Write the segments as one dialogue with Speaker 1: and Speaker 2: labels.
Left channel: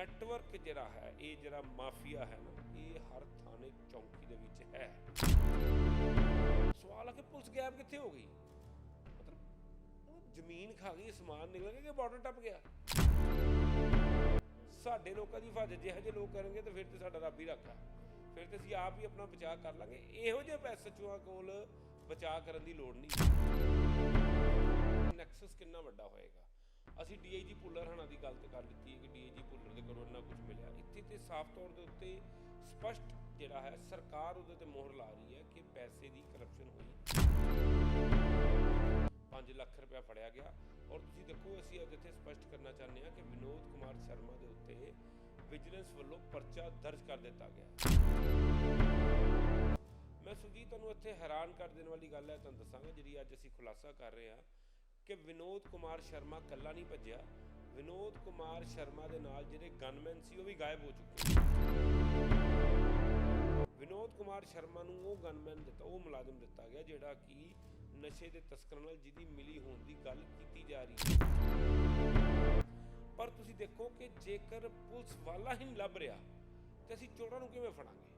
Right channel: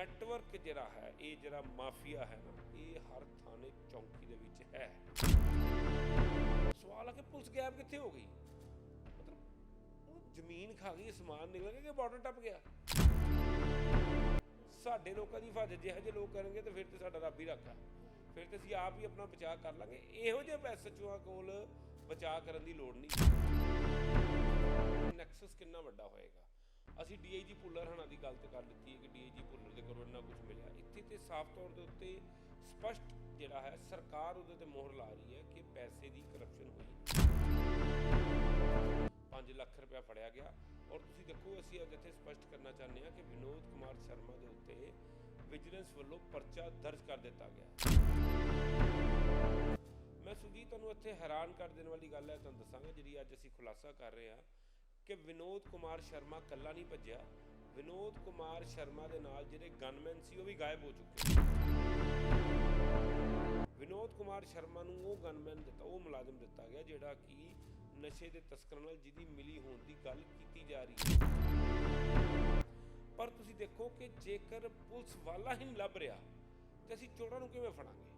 Speaker 1: Network ਜਿਹੜਾ ਹੈ, ਇਹ ਜਿਹੜਾ ਮਾਫੀਆ ਹੈ ਨਾ, ਇਹ ਹਰ ਥਾਣੇ ਚੌਂਕੀ ਦੇ ਵਿੱਚ ਹੈ। ਸਵਾਲ ਆ ਕਿ ਪੁਲਿਸ ਗਾਇਬ ਕਿੱਥੇ ਹੋ ਗਈ? ਮਤਲਬ ਉਹ ਜ਼ਮੀਨ ਖਾ ਗਈ, ਸਮਾਨ ਨਿਕਲ ਗਿਆ ਕਿ ਬਾਰਡਰ ਟੱਪ ਗਿਆ? ਸਾਡੇ ਲੋਕਾਂ ਦੀ ਹਿਫਾਜ਼ਤ, ਜਿਹੋ ਜਿਹੇ ਲੋਕ ਕਰਨਗੇ ਤੇ ਫਿਰ ਤੇ ਸਾਡਾ ਰੱਬ ਹੀ ਰੱਖਾ ਫਿਰ ਤੇ ਅਸੀਂ ਆਪ ਹੀ ਆਪਣਾ ਬਚਾਅ ਕਰ ਲਾਂਗੇ। ਇਹੋ ਜਿਹੇ ਐਸਐਚਓਆਂ ਕੋਲ ਬਚਾਅ ਕਰਨ ਦੀ ਲੋੜ ਨਹੀਂ। ਨੈਕਸਸ ਕਿੰਨਾ ਵੱਡਾ ਹੋਏਗਾ? ਅਸੀਂ ਡੀਆਈਜੀ ਭੁੱਲਰ ਹਣਾ ਦੀ ਗੱਲ ਤੇ ਕਰ ਲਿੱਤੀ ਹੈ ਕਿ ਡੀਆਈਜੀ ਭੁੱਲਰ ਦੇ ਕੋਲੋਂ ਇੰਨਾ ਕੁਝ ਮਿਲਿਆ। ਇੱਥੇ ਤੇ ਸਾਫ਼ ਤੌਰ ਦੇ ਉੱਤੇ ਸਪਸ਼ਟ ਜਿਹੜਾ ਹੈ, ਸਰਕਾਰ ਉਹਦੇ ਤੇ ਮੋਹਰ ਲਾ ਰਹੀ ਹੈ ਕਿ ਪੈਸੇ ਦੀ ਕਰਪਸ਼ਨ ਹੋਈ। 5 ਲੱਖ ਰੁਪਇਆ ਫੜਿਆ ਗਿਆ। ਔਰ ਤੁਸੀਂ ਦੇਖੋ, ਅਸੀਂ ਅੱਜ ਇੱਥੇ ਸਪਸ਼ਟ ਕਰਨਾ ਚਾਹੁੰਦੇ ਹਾਂ ਕਿ ਵਿਨੋਦ ਕੁਮਾਰ ਸ਼ਰਮਾ ਦੇ ਉੱਤੇ ਵਿਜੀਲੈਂਸ ਵੱਲੋਂ ਪਰਚਾ ਦਰਜ ਕਰ ਦਿੱਤਾ ਗਿਆ ਹੈ। ਮੈਂ ਸੁਜੀਤ ਤੁਹਾਨੂੰ ਇੱਥੇ ਹੈਰਾਨ ਕਰ ਦੇਣ ਵਾਲੀ ਗੱਲ ਹੈ, ਤੁਹਾਨੂੰ ਦੱਸਾਂਗਾ, ਜਿਹੜੀ ਅੱਜ ਅਸੀਂ ਖੁਲਾਸਾ ਕਰ ਰਹੇ ਹਾਂ। ਕਿ ਵਿਨੋਦ ਕੁਮਾਰ ਸ਼ਰਮਾ ਕੱਲਾ ਨਹੀਂ ਭੱਜਿਆ। ਵਿਨੋਦ ਕੁਮਾਰ ਸ਼ਰਮਾ ਦੇ ਨਾਲ ਜਿਹੜੇ ਗਨਮੈਨ ਸੀ, ਉਹ ਵੀ ਗਾਇਬ ਹੋ ਚੁੱਕੇ ਵਿਨੋਦ ਕੁਮਾਰ ਸ਼ਰਮਾ ਨੂੰ ਉਹ ਗਨਮੈਨ ਦਿੱਤਾ, ਉਹ ਮੁਲਾਜ਼ਮ ਦਿੱਤਾ ਗਿਆ, ਜਿਹੜਾ ਕਿ ਨਸ਼ੇ ਦੇ ਤਸਕਰਾਂ ਨਾਲ ਜਿਹਦੀ ਮਿਲੀ ਹੋਣ ਦੀ ਗੱਲ ਕੀਤੀ ਜਾ ਰਹੀ ਹੈ। ਪਰ ਤੁਸੀਂ ਦੇਖੋ ਕਿ ਜੇਕਰ ਪੁਲਿਸ ਵਾਲਾ ਹੀ ਨਹੀਂ ਲੱਭ ਰਿਹਾ, ਤੇ ਅਸੀਂ ਚੋਰਾਂ ਨੂੰ ਕਿਵੇਂ ਫੜਾਂਗੇ?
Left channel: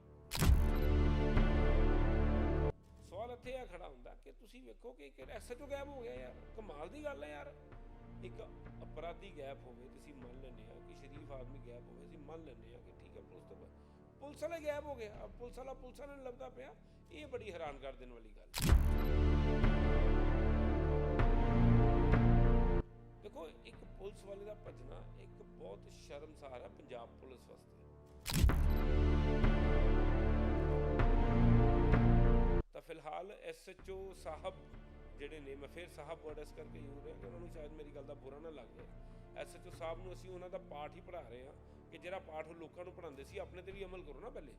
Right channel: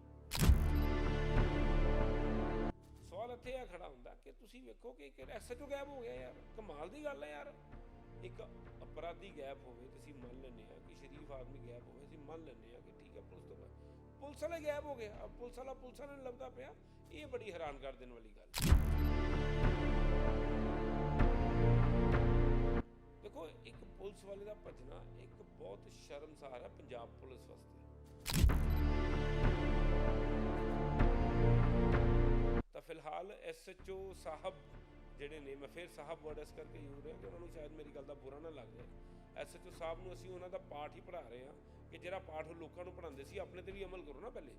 Speaker 1: ਸਵਾਲ ਇੱਥੇ ਆ ਖੜਾ ਹੁੰਦਾ ਕਿ ਤੁਸੀਂ ਵੇਖੋ ਕਿ ਇੱਕ ਐਸਐਚਓ ਗਾਇਬ ਹੋ ਗਿਆ ਯਾਰ। ਕਮਾਲ ਦੀ ਗੱਲ ਹੈ ਯਾਰ। ਇੱਕ ਅਪਰਾਧੀ ਗਾਇਬ ਹੋਵੇ ਤੇ ਮੰਨ ਲੈਂਦੇ ਆ ਕਿ ਸ਼ਰੀਫ ਆਦਮੀ ਗਾਇਬ ਹੋਵੇ, ਅਸੀਂ ਮੰਨ ਲੈਂਦੇ ਆ ਕਿ ਠੀਕ ਹੈ ਪੁਲਿਸ ਤੋਂ ਪੁਲਿਸ ਵਾਲਾ ਗਾਇਬ ਹੋ ਗਿਆ ਪੁਲਿਸ ਵਾਲਾ ਪੁਲਿਸ ਵਾਲੇ ਨੂੰ ਲੱਭਦਾ ਪਿਆ। ਇਹ ਬੜੀ ਹੈਰਾਨ ਕਰ ਦੇਣ ਵਾਲੀ ਗੱਲ। ਦੇਖੋ, ਇੱਕ ਪੁਲਿਸ ਵਾਲੇ ਦਾ ਭੱਜਣਾ ਇੱਕ ਬਹੁਤ ਸ਼ਰਮਸਾਰ ਹੈ ਪੰਜਾਬ ਪੁਲਿਸ ਵਾਸਤੇ। ਤਾਂ ਫਿਲਹਾਲ ਐਸਐਚਓ ਸਾਹਿਬ ਜਿਹੜੇ ਨੇ, ਮੈਂ ਫਿਰ ਸਾਹਿਬ ਵਰਡ ਇਸ ਕਰਕੇ ਯੂਜ਼ ਰਿਹਾ ਕਿ ਉਹਨਾਂ ਨੂੰ ਸ਼ਾਇਦ ਮੇਰੀ ਗੱਲ ਦਾ ਬੁਰਾ ਨਾ ਲੱਗ ਜਾਏ। ਐਸਐਚਓ ਸਾਹਿਬ ਨੂੰ ਅਸੀਂ ਉਹਨਾਂ ਦਾ ਪਾਠ ਹੀ ਪੜ੍ਹਾ ਰਹੇ ਹਾਂ ਕਿ ਜਿਹੜਾ ਪਾਠ ਉਹ ਲੋਕਾਂ ਨੂੰ ਪੜ੍ਹਾਉਂਦੇ ਸੀ, ਆਪਣੇ ਤੇ ਵੀ ਅਮਲ ਕਰੋ ਨਾ ਪਹਿਲੇ।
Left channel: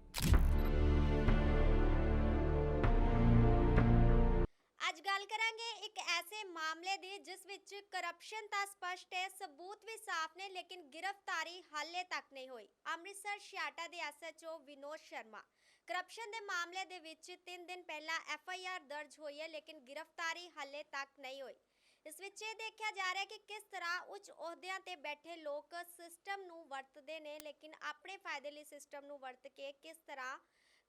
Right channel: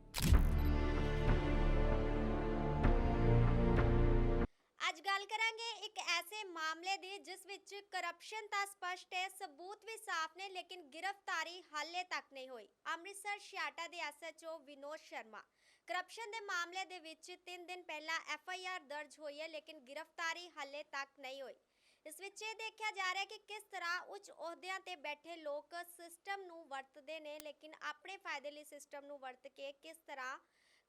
Speaker 2: ਅੱਜ ਗੱਲ ਕਰਾਂਗੇ ਇੱਕ ਐਸੇ ਮਾਮਲੇ ਦੀ, ਜਿਸ ਵਿੱਚ ਕਰਪਸ਼ਨ ਤਾਂ ਸਪਸ਼ਟ ਹੈ, ਸਬੂਤ ਵੀ ਸਾਫ਼ ਨੇ, ਲੇਕਿਨ ਗ੍ਰਿਫਤਾਰੀ ਹਾਲੇ ਤੱਕ ਨਹੀਂ ਹੋਈ। ਅੰਮ੍ਰਿਤਸਰ, ਛਿਆਟਾ ਦੇ ਐਸਐਚਓ ਵਿਨੋਦ ਸ਼ਰਮਾ। ਕਰਪਸ਼ਨ ਦੇ ਮਾਮਲੇ ਦੇ ਵਿੱਚ 3 ਦਿਨ ਪਹਿਲਾਂ ਐਫ ਆਈ ਆਰ ਦਰਜ ਹੋਈ ਹੈ, ਲੇਕਿਨ ਗ੍ਰਿਫਤਾਰੀ ਹਾਲੇ ਤੱਕ ਨਹੀਂ ਹੋਈ। ਇਸ ਵਿੱਚ ਇਹ ਦੇਖਿਆ ਜਾ ਰਿਹਾ ਹੈ ਕਿ ਕਿਸ ਤਰ੍ਹਾਂ ਉੱਚ ਅਹੁਦਿਆਂ ਤੇ ਬੈਠੇ ਲੋਕ ਸਿਸਟਮ ਨੂੰ ਵਰਤਦੇ ਨੇ, ਲੇਕਿਨ ਆਪਣੇ ਫਾਇਦੇ ਲਈ ਸਿਸਟਮ ਨੂੰ ਵਰਤ ਕੇ ਕਿਸ ਤਰ੍ਹਾਂ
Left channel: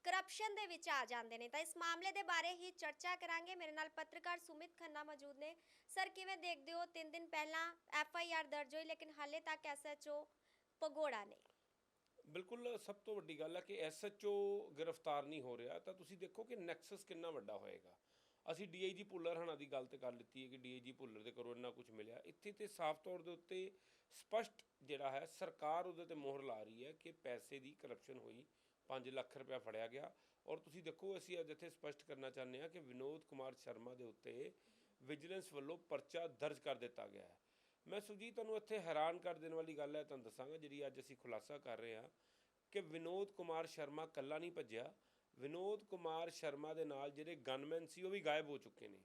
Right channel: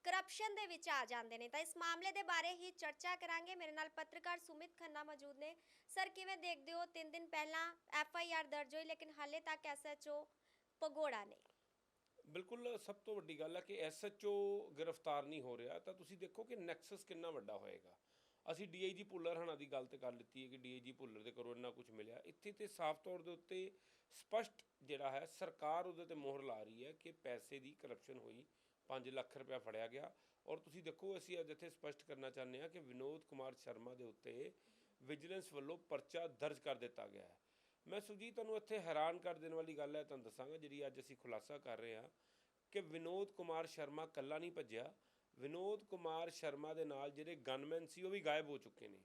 Speaker 2: ਕਰਪਸ਼ਨ ਦੇ ਵਿੱਚ ਆ ਜਾਂਦੇ ਨੇ। ਤਾਂ ਇਸ ਮਾਮਲੇ ਦੇ ਬਾਰੇ ਹੀ ਚਰਚਾ ਕਰਾਂਗੇ। ਮੇਰੇ ਨਾਲ ਪੱਤਰਕਾਰ ਸੁਮਿਤ ਖੰਨਾ ਮੌਜੂਦ ਨੇ। ਸਰ, ਕਿਵੇਂ ਦੇਖਦੇ ਹੋ? 3 ਦਿਨ ਪਹਿਲਾਂ ਐਫ ਆਈ ਆਰ ਦਰਜ ਹੋਈ, ਲੇਕਿਨ ਹਾਲੇ ਤੱਕ ਐਸ ਐਚ ਓ ਪਗੋੜਾ ਨੇ।
Speaker 1: ਬਿਲਕੁਲ ਸਭ ਤੋਂ ਵੱਡੀ ਗੱਲ ਹੈ ਕਿ ਐਸਐਚਓ ਗ੍ਰਿਫਤਾਰ ਨਹੀਂ ਹੋ ਰਿਹਾ, ਤਾਂ ਤੁਸੀਂ ਦੇਖੋ ਕਿ ਨੈਕਸਸ ਕਿੰਨਾ ਵੱਡਾ ਹੋਏਗਾ। ਅਸੀਂ ਡੀਆਈਜੀ ਭੁੱਲਰ ਹਣਾ ਦੀ ਗੱਲ ਤੇ ਕਰ ਲਿੱਤੀ ਹੈ ਕਿ ਡੀਆਈਜੀ ਭੁੱਲਰ ਦੇ ਕੋਲੋਂ ਇੰਨਾ ਕੁਝ ਮਿਲਿਆ। ਇੱਥੇ ਤੇ ਸਾਫ਼ ਤੌਰ ਦੇ ਉੱਤੇ ਸਪਸ਼ਟ ਜਿਹੜਾ ਹੈ, ਸਰਕਾਰ ਉਹਦੇ ਤੇ ਮੋਹਰ ਲਾ ਰਹੀ ਹੈ ਕਿ ਪੈਸੇ ਦੀ ਕਰਪਸ਼ਨ ਹੋਈ 5 ਲੱਖ ਰੁਪਇਆ ਫੜਿਆ ਗਿਆ। ਔਰ ਤੁਸੀਂ ਦੇਖੋ, ਅਸੀਂ ਅੱਜ ਇੱਥੇ ਸਪਸ਼ਟ ਕਰਨਾ ਚਾਹੁੰਦੇ ਹਾਂ ਕਿ ਵਿਨੋਦ ਕੁਮਾਰ ਸ਼ਰਮਾ ਦੇ ਉੱਤੇ ਵਿਜੀਲੈਂਸ ਵੱਲੋਂ ਪਰਚਾ ਦਰਜ ਕਰ ਦਿੱਤਾ ਗਿਆ ਹੈ। ਮੈਂ ਸੁਜੀਤ ਤੁਹਾਨੂੰ ਇੱਥੇ ਹੈਰਾਨ ਕਰ ਦੇਣ ਵਾਲੀ ਗੱਲ ਹੈ, ਤੁਹਾਨੂੰ ਦੱਸਾਂਗਾ ਜਿਹੜੀ ਅੱਜ ਅਸੀਂ ਖੁਲਾਸਾ ਕਰ ਰਹੇ ਹਾਂ ਕਿ ਵਿਨੋਦ ਕੁਮਾਰ ਸ਼ਰਮਾ ਕੱਲਾ ਨਹੀਂ ਭੱਜਿਆ। ਵਿਨੋਦ ਕੁਮਾਰ ਸ਼ਰਮਾ ਦੇ ਨਾਲ ਜਿਹੜੇ ਗਨਮੈਨ ਸੀ, ਉਹ ਵੀ ਗਾਇਬ ਹੋ ਚੁੱਕੇ ਨੇ।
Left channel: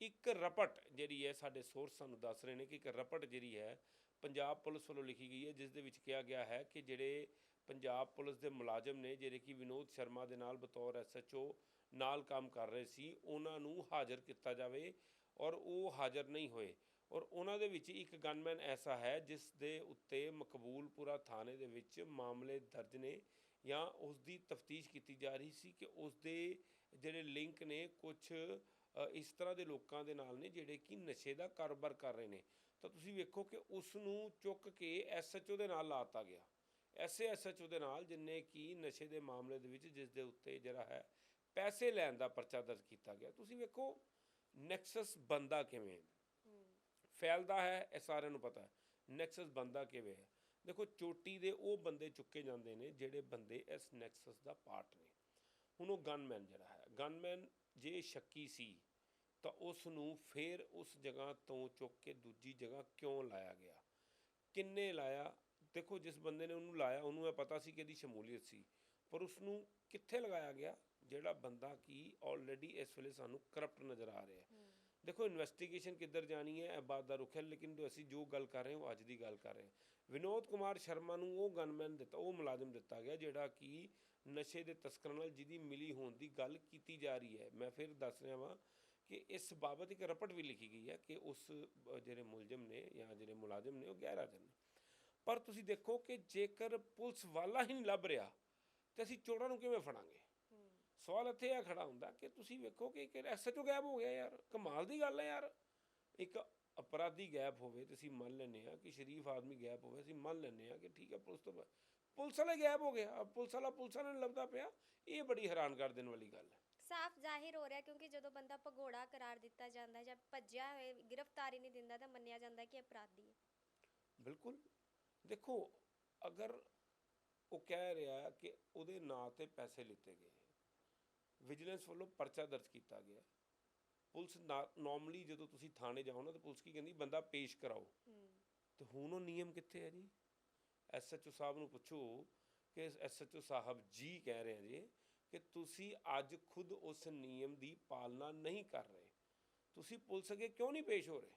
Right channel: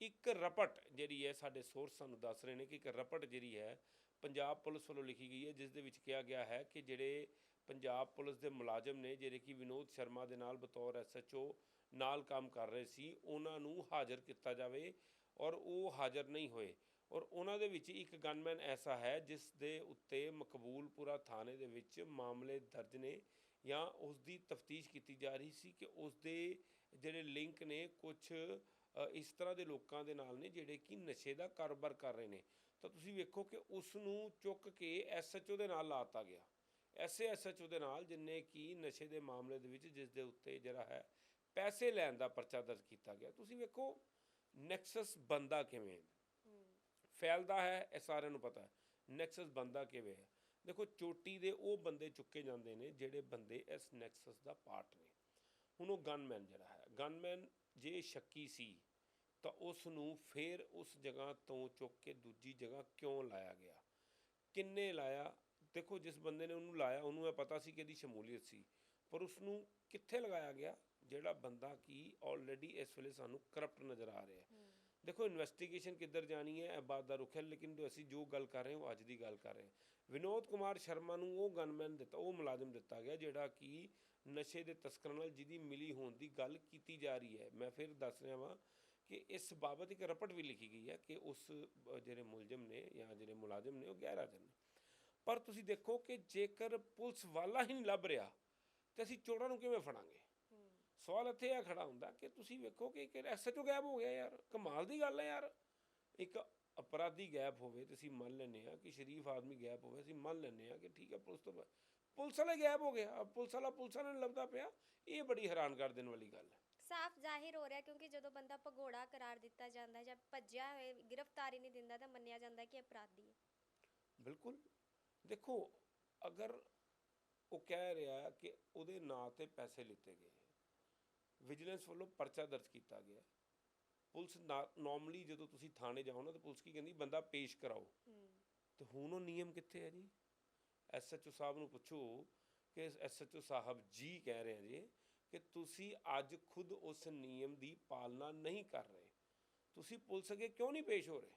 Speaker 1: ਇੱਕ ਰਪਟ ਜਿਹੜੀ ਹੈ, ਸਾਡੇ ਸੋਰਸ ਸਾਨੂੰ ਦੱਸ ਰਹੇ ਨੇ ਕਿ ਇੱਕ ਰਪਟ ਜਿਹੜੀ ਹੈ, ਪੰਜਾਬ ਪੁਲਿਸ ਵੱਲੋਂ ਲਿਖੀ ਗਈ ਹੈ, ਜਿਸ ਦੇ ਵਿੱਚ ਕਿਹਾ ਗਿਆ ਹੈ ਕਿ ਜਿਹੜੇ ਪੰਜਾਬ ਪੁਲਿਸ ਦੇ ਮੁਲਾਜ਼ਮ ਨੇ, ਜਿਹੜੇ ਕਿ ਵਿਨੋਦ ਸ਼ਰਮਾ ਦੇ ਨਾਲ ਬਤੌਰ ਐਸਐਚਓ ਨਾਲ ਕੰਮ ਕਰ ਰਹੇ ਸੀ, ਉਹਨਾਂ ਨੂੰ ਹਾਜ਼ਰ ਕੀਤਾ ਜਾਵੇ ਔਰ ਉਹ ਹਾਜ਼ਰ ਨਹੀਂ ਹੋਏ। ਔਰ ਉਹਨਾਂ ਦੇ ਵਿੱਚ ਇੱਕ ਗਨਮੈਨ ਐਸਾ ਹੈ ਜਿਸ ਦੇ ਉੱਤੇ ਮਕਬੂਲਪੁਰਾ ਥਾਣੇ ਦੇ ਵਿੱਚ ਮਾਮਲੇ ਦਰਜ ਨੇ ਜਾਂ ਉਸ ਦੀ ਤਫਤੀਸ਼ ਕੀਤੀ ਜਾ ਰਹੀ ਸੀ ਕਿ ਉਸ ਦੇ ਜਿਹੜੇ ਲਿੰਕ ਨੇ ਕੁਝ ਇਸ ਤਰ੍ਹਾਂ ਦੇ ਲੋਕਾਂ ਦੇ ਨਾਲ ਨੇ ਜਿਹੜੇ ਕਿ ਨਸ਼ੇ ਦਾ ਕਾਰੋਬਾਰ ਕਰ ਰਹੇ ਨੇ। ਤਾਂ ਤੁਸੀਂ ਵੇਖੋ ਕਿ ਉਸ ਨੂੰ ਚੁੱਕ ਕੇ ਐਸਐਚਓ ਦੇ ਨਾਲ ਲਾਤਾ ਗਿਆ। ਐਸੇ ਐਸਐਚਓ ਦੇ ਨਾਲ ਜਿਨੇ ਕੀ ਨਸ਼ੇ ਦੇ ਮਾਮਲੇ ਦੇ ਵਿੱਚ ਜਿਸ ਦੇ ਉੱਤੇ ਜਿਹੜਾ ਹੈ ਪੈਸੇ ਲੈਣ ਦਾ ਪਰਚਾ ਦਰਜ ਕੀਤਾ ਗਿਆ। ਤੁਸੀਂ ਵੇਖੋ ਨੈਕਸਸ ਬੰਦਾ ਕਿਵੇਂ ਹੈ। ਫੈਲਦਾ ਹੈ, ਇਹ ਸਾਰਿਆਂ ਨੂੰ ਪਤਾ ਹੈ। ਨੈਕਸਸ ਬੰਦਾ ਕਿਵੇਂ ਹੈ? ਦੇਖੋ, ਚੋਟੀ ਦੇ ਉਹ ਬੰਦੇ ਚੁੱਕੇ ਜਾਂਦੇ ਨੇ ਜਿਹੜੇ ਬੰਦੇ ਇਸ ਨੈਕਸਸ ਦਾ ਪਾਰਟ ਨੇ। ਹੁਣ ਉਹ ਗਨਮੈਨ ਜਿਹੜਾ ਹੈ ਗਨਮੈਨ ਜੇ ਸ਼ੱਕੀ ਸੀ, ਤਾਂ ਉਸ ਨੂੰ ਫੇਰ ਉਸ ਜਗ੍ਹਾ ਤੋਂ ਚੁੱਕ ਕੇ ਦੂਜੀ ਜਗ੍ਹਾ ਕਿਉਂ ਲਾਇਆ ਗਿਆ? ਕਿੰਨੇ ਲਾਇਆ? ਦੇਖੋ, ਜਿਸ ਬੰਦੇ ਨੇ ਉਹਨੂੰ ਲਾਇਆ, ਉਹਨੂੰ ਇਹ ਪਤਾ ਸੀ ਕਿ ਇਹਦੀ ਸ਼ਮੂਲੀਅਤ ਸੀ, ਪਰ ਉਸ ਨੂੰ ਕਿੱਥੇ ਲਗਾਇਆ ਗਿਆ? ਜਿਹੜਾ ਬੰਦਾ ਕੀ ਆਲਰੇਡੀ ਇਸ ਵੇਲੇ ਸਾਨੂੰ ਕਰਪਟ ਨਜ਼ਰ ਆ ਰਿਹਾ ਦੇਖੋ ਇਨਵੈਸਟੀਗੇਸ਼ਨ ਕਿੱਧਰ ਜਾਣੀ ਹੈ, ਇਹ ਬਾਤ ਦਾ ਰੁਖ ਹੈ, ਲੇਕਿਨ ਜੋ ਅਸੀਂ ਜੋ ਗੱਲ ਕਰ ਰਹੇ ਹਾਂ, ਉਹ ਅੱਜ ਦੀ ਗੱਲ ਕਰ ਰਹੇ ਹਾਂ। ਵਿਨੋਦ ਕੁਮਾਰ ਸ਼ਰਮਾ ਨੂੰ ਉਹ ਗਨਮੈਨ ਦਿੱਤਾ, ਉਹ ਮੁਲਾਜ਼ਮ ਦਿੱਤਾ ਗਿਆ, ਜਿਹੜਾ ਕਿ ਨਸ਼ੇ ਦੇ ਤਸਕਰਾਂ ਨਾਲ ਜਿਹਦੀ ਮਿਲੀ ਹੋਣ ਦੀ ਗੱਲ ਕੀਤੀ ਜਾ ਰਹੀ ਹੈ। ਮੈਂ ਫਿਰ ਦੱਸ ਰਿਹਾ ਵਾਂ ਕਿ ਇਸ ਬਾਬਤ ਇੱਕ ਰਪਟ ਵੀ ਲਿਖੀ ਗਈ ਹੈ ਕਿ ਉਸ ਜਿਹੜੇ ਮੁਲਜ਼ਮ ਨੇ ਜਾਂ ਜਿਹੜੇ ਮੁਲਾਜ਼ਮ ਨੇ, ਉਹ ਗੈਰ ਹਾਜ਼ਰ ਨੇ। ਪਰ ਤੁਸੀਂ ਦੇਖੋ ਕਿ ਜੇਕਰ ਪੁਲਿਸ ਵਾਲਾ ਹੀ ਨਹੀਂ ਲੱਭ ਰਿਹਾ, ਤੇ ਅਸੀਂ ਚੋਰਾਂ ਨੂੰ ਕਿਵੇਂ ਫੜਾਂਗੇ? ਸਵਾਲ ਇੱਥੇ ਆ ਖੜਾ ਹੁੰਦਾ ਕਿ ਤੁਸੀਂ ਵੇਖੋ ਕਿ ਐਸਐਚਓ ਗਾਇਬ ਹੋ ਗਿਆ ਯਾਰ ਕਮਾਲ ਦੀ ਗੱਲ ਹੈ ਯਾਰ। ਇੱਕ ਅਪਰਾਧੀ ਗਾਇਬ ਹੋਵੇ ਤੇ ਅਸੀਂ ਮੰਨ ਲੈਂਦੇ ਆ ਕਿ ਸ਼ਰੀਫ ਆਦਮੀ ਗਾਇਬ ਹੋਵੇ ਅਸੀਂ ਮੰਨ ਲੈਂਦੇ ਆ ਕਿ ਠੀਕ ਹੈ ਪੁਲਿਸ ਤੋਂ ਪੁਲਿਸ ਵਾਲਾ ਗਾਇਬ ਹੋ ਗਿਆ ਪੁਲਿਸ ਵਾਲਾ ਪੁਲਿਸ ਵਾਲਾ ਨਹੀਂ ਲੱਭਦਾ ਪਿਆ ਇਹ ਬੜੀ ਹੈਰਾਨ ਕਰ ਦੇਣ ਵਾਲੀ ਗੱਲ ਹੈ।
Speaker 2: ਸਾਫ਼ ਜ਼ਾਹਿਰ ਹੋ ਰਿਹਾ ਕਿਉਂਕਿ ਜਦੋਂ ਬੰਦਾ ਭਗੌੜਾ ਕਰਾਰ ਦਿੱਤਾ ਜਾਂਦਾ ਜਾਂ ਭੱਜਿਆ ਹੋਏ ਗ੍ਰਿਫਤਾਰੀ ਨਹੀਂ ਦਿੰਦਾ ਤਾਂ ਮੰਨਿਆ ਜਾਂਦਾ ਕਿ ਅਪਰਾਧੀ ਹੈ।
Speaker 1: ਬਿਲਕੁਲ। ਦੇਖੋ ਅਗਰ ਉਹ ਕਹਿ ਰਿਹਾ ਕਿ ਉਹਦੇ ਨਾਂ ਤੇ ਪੈਸੇ ਲਿੱਤੇ ਗਏ ਵਿਜੀਲੈਂਸ ਵੱਲੋਂ ਪਰਚਾ ਦਰਜ ਕੀਤਾ ਗਿਆ। ਪੁਲਿਸ ਨਾਰਮਲੀ ਜਦੋਂ ਤੁਸੀਂ ਥਾਣੇ ਜਾਓ ਨਾ ਤਾਂ ਪੁਲਿਸ ਕੀ ਕਹਿੰਦੀ ਬੰਦਾ ਪੇਸ਼ ਕਰਾਓ। ਤੇ ਹੁਣ ਉਹ ਨਿਯਮ ਕਿੱਥੇ ਹੈ ਜੀ? ਐਸਐਚਓ ਸਾਹਿਬ ਨੂੰ ਪੁੱਛੋ ਕਿ ਐਸਐਚਓ ਸਾਹਿਬ ਜੀ ਕਹਿ ਰਹੇ ਆ ਜੀ ਕਿ ਤੁਸੀਂ ਅੱਜ ਖੁਦ ਉਸ ਨਿਯਮ ਦੀ ਪਾਲਣਾ ਨਹੀਂ ਕਰ ਰਹੇ। ਤੁਸੀਂ ਪੁਲਿਸ ਅੱਗੇ ਕਿਉਂ ਨਹੀਂ ਪੇਸ਼ ਹੋ ਰਹੇ?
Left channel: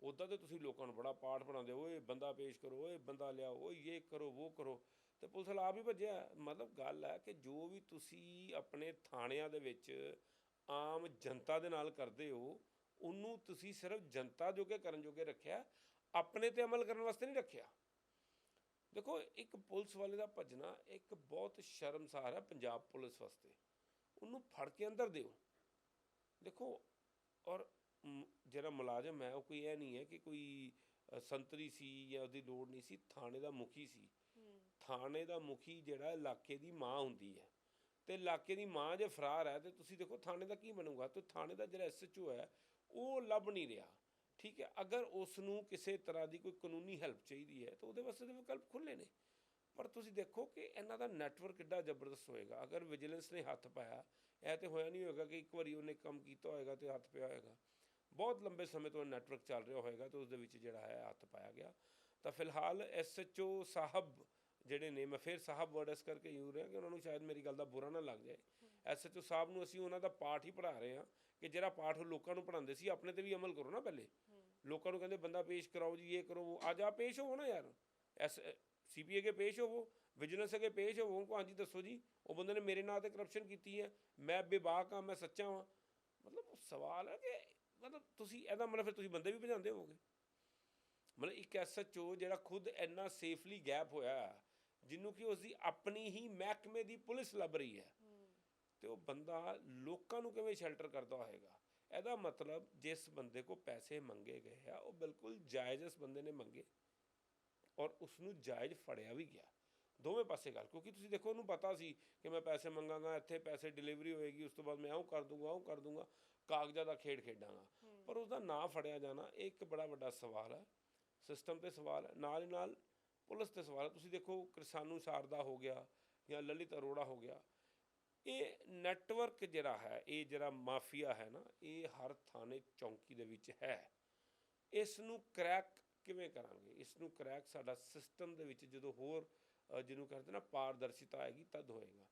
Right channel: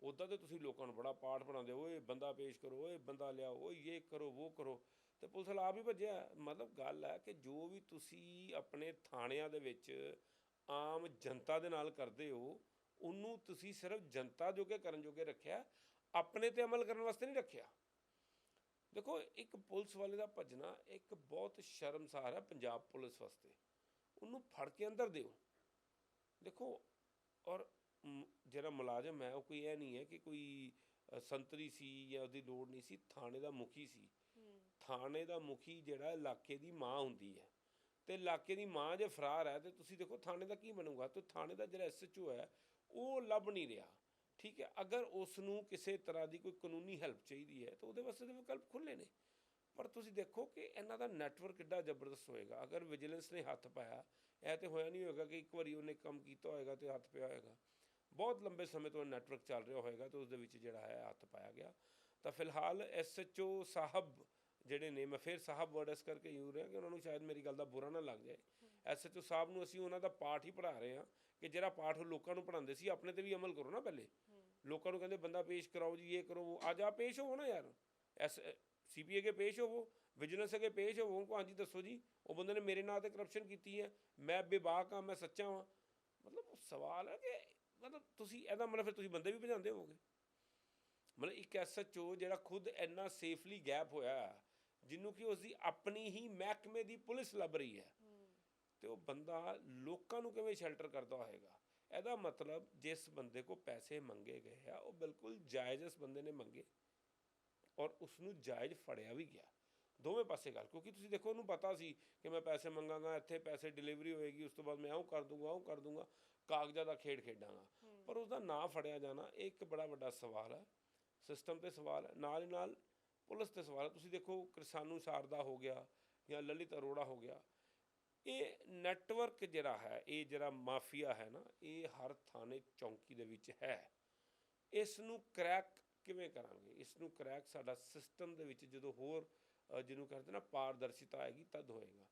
Speaker 1: ਉਦਾਂ ਤੇ ਤੁਸੀਂ ਲੋਕਾਂ ਨੂੰ ਬੜਾ ਪਾਠ ਪੜਾਉਂਦੇ ਹੋ, ਓਏ ਬੰਦਾ ਪੇਸ਼ ਕਰੋ ਓਏ ਬੰਦਾ ਲਿਆਓ ਓਏ ਇਹ ਕਰੋ ਉਹ ਕਰੋ। ਤੇ ਪੁਲਿਸ ਵਾਲਾ ਆਪ ਹੀ ਭੱਜਿਆ। ਮਤਲਬ ਗੱਲ ਹੈ ਕਿ ਜੋ ਵੀ ਤੁਸੀਂ ਆਪਣੇ ਥਾਣਿਆਂ ਦੇ ਵਿੱਚ ਆਮ ਜਨਤਾ ਦੇ ਨਾਲ ਕਰਦੇ ਹੋ, ਉਹਨੂੰ ਤੁਸੀਂ ਸਿਰਫ ਜਨਤਾ ਜੋਗੇ ਕਰਨ ਜੋਗੇ ਰੱਖਿਆ, ਆਪਣੇ ਤੇ ਅਮਲ ਕਰਨ ਵਾਸਤੇ ਨਹੀਂ ਰੱਖਿਆ। ਦੇਖੋ, ਇੱਕ ਪੁਲਿਸ ਵਾਲੇ ਦਾ ਭੱਜਣਾ ਇੱਕ ਬਹੁਤ ਸ਼ਰਮਸਾਰ ਹੈ ਪੰਜਾਬ ਪੁਲਿਸ ਵਾਸਤੇ। ਉਹਨੂੰ ਫੜ ਕੇ ਅੰਦਰ ਦਿਓ। ਦੇਖੋ, ਔਰ ਜਿਹੜਾ ਮੁਲਾਜ਼ਮ ਹੈ, ਉਹ ਕੋਈ ਇਹ ਨਹੀਂ ਹੈ ਕਿ ਕੋਈ ਸੰਤਰੀ ਸੀ ਜਾਂ ਉਹਦੀ ਲੋੜ ਨਹੀਂ ਸੀ, ਥਾਣੇ ਦਾ ਮੁਖੀ ਸੀ। ਥਾਣੇ ਦਾ ਮੁਖੀ ਜਿਹੜਾ ਇਲਾਕੇ ਦੀ ਮਾਂ ਹੁੰਦੀ ਹੈ। ਤੇ ਇਲਾਕੇ ਦੀ ਮਾਂ ਜੇ ਫਰਾਰ ਹੈ ਤੇ ਤੁਸੀਂ ਦੇਖੋ ਥਾਣੇ ਦਾ ਕੀ ਬਣੂਗਾ? ਤੇ ਥਾਣੇ ਦਾ ਜਿਹੜਾ ਐਸਐਚਓ ਹੈ, ਉਹ ਲੱਭ ਨਹੀਂ ਰਿਹਾ। ਠੀਕ ਹੈ, ਅਗਰ ਉਸ ਨੂੰ ਕਿਸੇ ਤਰ੍ਹਾਂ ਦੀ ਕੋਈ ਕਾਨੂੰਨੀ ਹੈਲਪ ਚਾਹੀਦੀ ਹੈ, ਤਾਂ ਉਹਦੇ ਵਾਸਤੇ ਤਾਂ ਵਿਕਲਪ ਖੁੱਲੇ ਨੇ। ਪਰ ਤੁਸੀਂ ਦੇਖੋ ਕਿ ਇਹਨਾਂ ਦਾ ਨੈਟਵਰਕ ਕਿੱਡਾ ਜ਼ਬਰਦਸਤ ਹੋਏਗਾ। ਅਗਰ ਵਿਜੀਲੈਂਸ ਨੇ ਹੱਥ ਪਾਇਆ, ਇਹ ਤੇ ਹੋਇਆ ਨਹੀਂ ਹੋਏਗਾ ਕਿ ਇੱਕ ਵਾਰੀ ਉਹਨੇ ਕੰਮ ਕੀਤਾ ਹੋਏਗਾ ਤੇ ਹੱਥ ਪਿਆ ਹੋਏਗਾ। ਬਹੁਤ ਲੰਬੇ ਸਮੇਂ ਤੋਂ ਨੈਟਵਰਕ ਚੱਲ ਰਿਹਾ ਹੋਏਗਾ ਤੇ ਉਸ ਦੇ ਵਿੱਚ ਜਿਹੜਾ ਹੈ ਹੱਥ ਪਾਇਆ ਗਿਆ। ਤਾਂ ਫਿਲਹਾਲ ਐਸਐਚਓ ਸਾਹਿਬ ਜਿਹੜੇ ਨੇ, ਮੈਂ ਫਿਰ ਸਾਹਿਬ ਵਰਡ ਇਸ ਕਰਕੇ ਯੂਜ਼ ਰਿਹਾ ਕਿ ਉਹਨਾਂ ਨੂੰ ਸ਼ਾਇਦ ਮੇਰੀ ਗੱਲ ਦਾ ਬੁਰਾ ਨਾ ਲੱਗ ਜਾਏ। ਐਸਐਚਓ ਸਾਹਿਬ ਨੂੰ ਅਸੀਂ ਉਹਨਾਂ ਦਾ ਪਾਠ ਹੀ ਪੜ੍ਹਾ ਰਹੇ ਹਾਂ ਕਿ ਜਿਹੜਾ ਪਾਠ ਉਹ ਲੋਕਾਂ ਨੂੰ ਪੜ੍ਹਾਉਂਦੇ ਸੀ, ਆਪਣੇ ਤੇ ਵੀ ਅਮਲ ਕਰੋ ਨਾ ਪਹਿਲੇ। ਲੋਕਾਂ ਨੂੰ ਕਹਿੰਦੇ, ਬੰਦਾ ਪੇਸ਼ ਕਰਾਓ ਜੀ, ਇਹ ਕਰੋ, ਉਹ ਅੱਜ ਆ ਪੇਸ਼ ਹੋਵੋ ਨਾ ਯਾਰ। ਐਸ, ਸੀਪੀਏ ਕੇ ਪੇਸ਼ ਹੋਵੋ, ਵਿਜੀਲੈਂਸ ਅਗੇ ਪੇਸ਼ ਹੋਵੋ ਉਹਨੂੰ ਹਾਂਜੀ ਦੱਸੋ ਜੀ, ਉਹ ਬੰਦੇ ਨੇ ਮੇਰੇ ਨਾਂ ਤੇ ਕਰਪਸ਼ਨ ਕੀਤੀ ਹੈ, ਮੈਂ ਬੇਬਾਕ ਹਾਂ, ਮੈਂ ਸੱਚਾ ਹਾਂ ਮਤਲਬ ਸਵਾਲ ਹੈ ਕਿ ਮਤਲਬ ਤੁਸੀਂ ਇਹਦਾ ਮਤਲਬ ਫਿਰ ਤੁਸੀਂ ਬੰਦੇ ਵੀ ਭਜਾਉਂਦੇ ਹੋਵੋਗੇ। ਮਤਲਬ ਇੱਕ ਐਸਐਚਓ ਜਿਹੜਾ ਖੁਦ ਇੰਨਾ ਸੇਫਲੀ ਗੈਪ ਹੋਇਆ ਜਿਹਨੂੰ ਕਿ ਉਸ ਦੀ ਆਪਣੀ ਹੀ ਮਹਿਕਮੇ ਦੀ ਪੁਲਿਸ ਲੱਭ ਰਹੀ ਹੈ। ਤੇ ਉਹ ਬੰਦਾ ਲੋਕਾਂ ਨੂੰ ਕਿਵੇਂ ਸ਼ੈਲਟਰ ਕਰਦਾ ਹੋਏਗਾ? ਇਹਦਾ ਮਤਲਬ ਜਿਸ ਬੰਦੇ ਕੋ ਪੈਸੇ ਮੰਗੇ ਗਏ ਆ ਉਹ ਬਿਲਕੁਲ ਜਾਇਜ਼ ਇਸ ਬੰਦੇ ਨੇ ਮੰਗੇ ਔਰ ਉਸ ਨੂੰ ਜਾਇਜ਼ ਫੜਿਆ ਵੀ ਗਿਆ। ਦੋਵੇਂ ਪਾਸੇ ਗੱਲ ਕਿਉਂਕਿ ਤੁਸੀਂ ਦੇਖੋ ਉਹਨੂੰ ਪਤਾ ਸੀ ਕਿ ਮੈਂ ਪੈਸੇ ਮੰਗਾਂਗਾ ਇੱਥੇ ਪੈਸੇ ਡਿਲੀਵਰੀ ਹੋਏਗੀ ਉਸ ਤੋਂ ਬਾਅਦ ਮੈਂ ਉਹ ਕਰ ਦੂੰਗਾ ਉਹ ਕਰ ਦੂੰਗਾ ਕਾਗਜ਼ਾਂ ਦਾ ਖੇਡ ਖੇਡਾਂਗਾ। ਪਰ ਉਸ ਦਾ ਨਾਂ ਫੜਿਆ ਜਾਣਾ ਇਹ ਇੱਕ ਬੜਾ ਵੱਡਾ ਸਵਾਲ ਹੈ। ਸਿਸਟਮ ਤੇ ਸਵਾਲ ਹੈ। ਨਾਲ ਹੀ ਨਾਲ ਪੁਲਿਸ ਤੇ ਸਵਾਲ ਤੁਸੀਂ ਦੇਖੋ ਕਿਰਸਾਨੂ ਸਾਰਦਾ ਹੋ ਗਿਆ ਜਾਂ ਲਲਿਤ ਅਰੋੜਾ ਹੋ ਗਿਆ। ਇਹ ਨੈਟਵਰਕ ਜਿਹੜਾ ਹੈ ਇਹ ਜਿਹੜਾ ਮਾਫੀਆ ਹੈ ਨਾ ਇਹ ਹਰ ਥਾਣੇ ਚੌਂਕੀ ਦੇ ਵਿੱਚ ਹੈ। ਇਸ ਨੂੰ ਕ੍ਰੈਕ ਕਿਵੇਂ ਕਰਾਂਗੇ? ਇਸ ਨੂੰ ਕ੍ਰੈਕ ਸਾਡਾ ਸਿਸਟਮ ਦੇ ਵਿੱਚ ਜਦੋਂ ਹੋਰ ਅ, ਜਿਹਨੂੰ ਕਹਿੰਦੇ ਨਾ ਪਾਰਦਰਸ਼ਿਤਾ ਆਏਗੀ ਤਦ ਹੋਏਗਾ।